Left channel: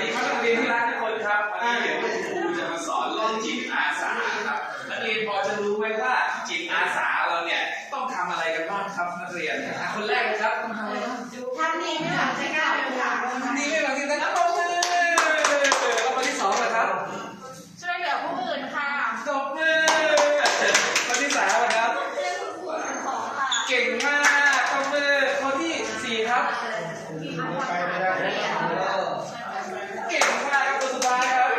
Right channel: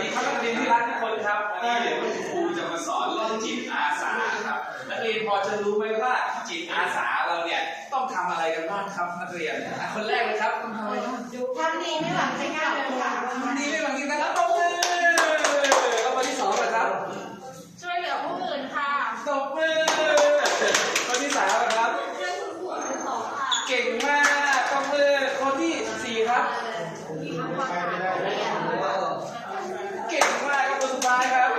ดีครับนักเรียนที่รักทุกคนครับวันนี้เดี๋ยวคุณครูจะมาสอนเรื่องจิตอาสาครับ นักเรียนพอจะรู้ไหมว่าจิตอาสาเราเนี่ยต้องทำอะไรกันบ้างครับนักเรียนอะคนแรกเลยครับต้องทำอะไรบ้างทำดีไม่หวังใช้งานเป็นหลักดีไม่บางทีนะครับตบมือแล้วคนที่สองล่ะครับ ช่วยเหลือผู้อื่นค่ะตบมือคนที่สามล่ะครับช่วยคุณครูเป็นของค่ะเก่งมากตบมือคนที่สี่ครับ มีมากกว่าค่ะเรียน เก่งมากครับคนสุดท้ายครับ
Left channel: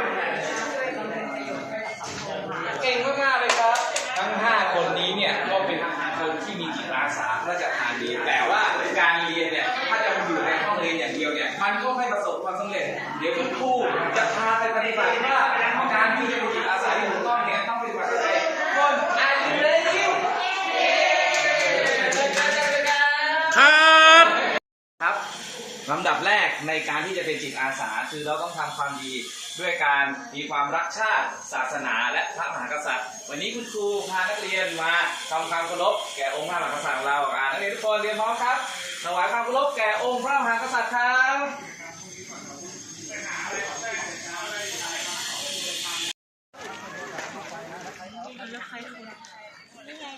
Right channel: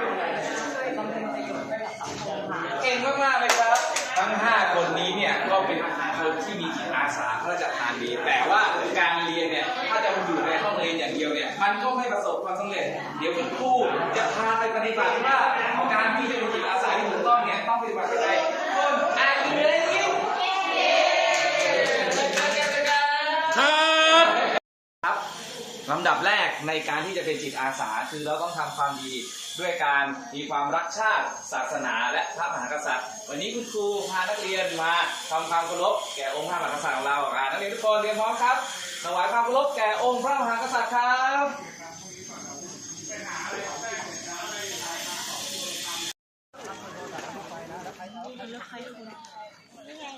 เก่งมากๆเลยครับ ทั้ง 5 คนนี้เนี่ยก็เป็นคนที่มีจิตอาสาพระราชทานดีแต่ว่าการเรียนเนี่ยถ้าจะมาอยู่ในห้องเรียนอย่างเดียวเนี่ยมันก็ไม่ประสบความสำเร็จ เดี๋ยวคุณครูจะพาไปปฏิบัติว่าการที่จ ในการที่จะเป็นจิตอาสา คือเราต้องทำความดีด้วยการมีความรักชาติศาสนา และพระมหากษัตริย์ วันนี้คุณครูพานักเรียนมาทำความเคารพแก่องค์พระมหากษัตริย์ของเราอ่านักเรียนทุกคนเรียนพร้อมครับถวายความเคารพแก่องค์พระมหากษัตริย์ครับ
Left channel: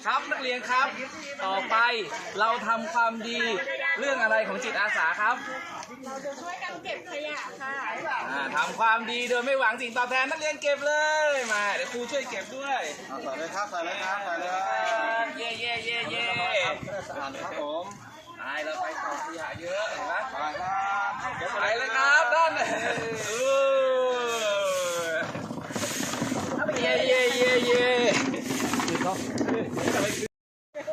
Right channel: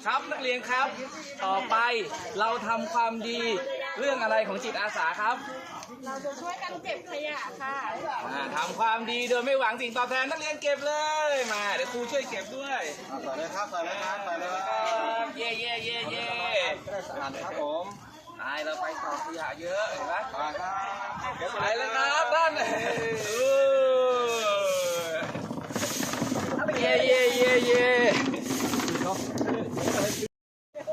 ครับนักเรียนครับ ต่อไปเราทำความดี เรื่องอะไรของจิตอาสาครับ เราจะช่วยกันเก็บขยะค่ะอ่าทำความดีโดยไม่หวังสิ่งตอบแทนนักเรียนเก็บเลยมาเดี๋ยวครูช่วยเก็บด้วยใส่เลยครับใส่เลยครับใส่เลยคครัรับบเย่เย่เย่เย่จะได้สะอาดครับผมตายเราไปต่อขยะเยอะเห็นไหมไปครับไปเลยครับท่านเออเย่เย่เย่เย่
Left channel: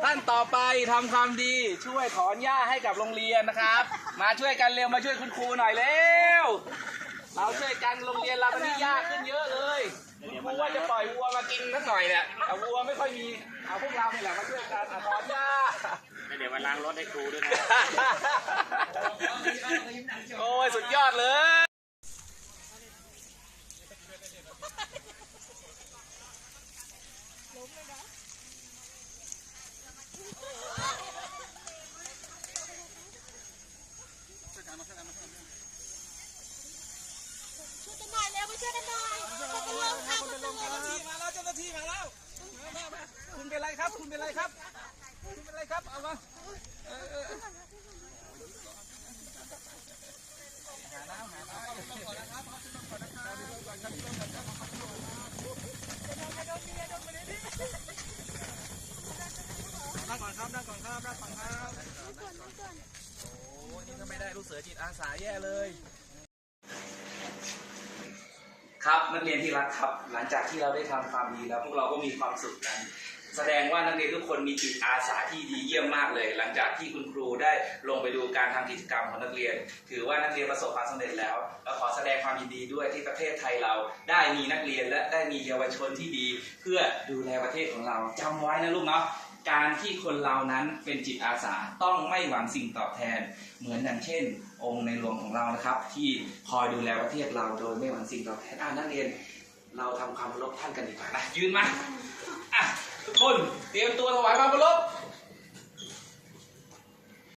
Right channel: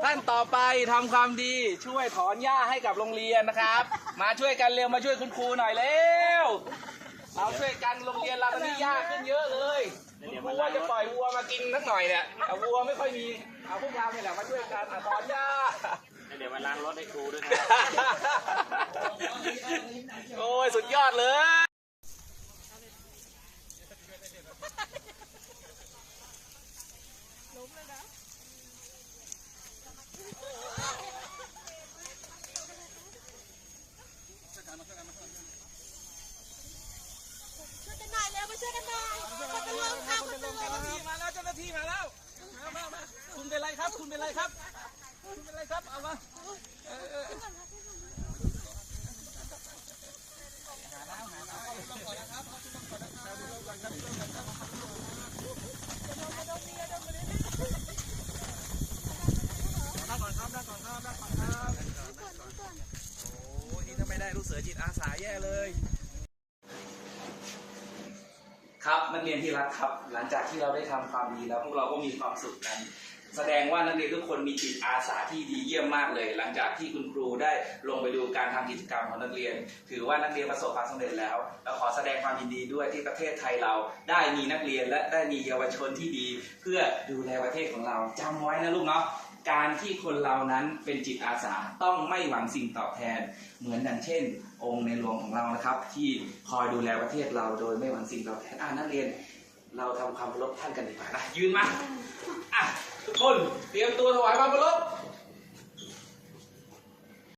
ท่านต่อไปทำความดีช่วยถอนหญ้าให้กับโรงเรียนนะครับ มาช่วยกันเร็วมาช่วยคุณครูหน่อยเร็วเราช่วยกันโรงเรียนเราตอนนี้ยากขึ้นเยอะเลยคุณครูว่าจะปล่อยวัวมากินสักหน่อยเนี่ยแต่วัวไม่ค่อยมีเอาพวกเราเนี่ยแหละมาช่วยกันอะถอนหญ้าเดี๋ยวมาล้างรถให้ครูด้วยนะโอ้ยสุดยอดเลยช่วยกันหน่อยเร็วมาช่วยกันหน่อยช่วยกันเร็วค่ะคุณครู มาแล้วเจ้าหน้าที่มาแล้วมามามาคุณเป็นไร ครับคุณเป็นไรครับคุณเป็นไรครับ เอามาเออเออนั่งก่อนครับนั่งก่อนครับนั่งก่อนครับโอ้นี่ถ้าไม่ได้ลูกเสือจิตอาสาแย่เลยครับนักเรียนที่รักครับ หลังจากที่เราได้ทำความดีแล้วพวกเราก็มีความสุขกัน แสดงว่านักเรียนทุกคนมีจิตอาสาที่ดีเยี่ยมมากเลย หลังจากที่คุณครูได้ลงไปดูการทำกิจกรรมของนักเรียน ถือว่านักเรียนประสบความสำเร็จแล้วและขอแสดงความยินดีด้วยที่ประเทศไทยเราได้มีนักเรียนและได้มีเยาวชนที่ดี เพื่อดูแลประเทศของเราจำไว้นะลูกเนาะการที่คนเรานั้นเป็นจิตอาสาต้องไม่หวังสิ่งตอบแทน เหมือนอย่างเช่น องค์ในหลวงของเรานะครับ ที่คอยดูแลประเทศเราโดยไม่หวังสิ่งตอบแทนอ่านักเรียน เราทำความเคารพท่านกันดีกว่านะยืนมาอะ คนเตรียมตัวถวายความเคารพ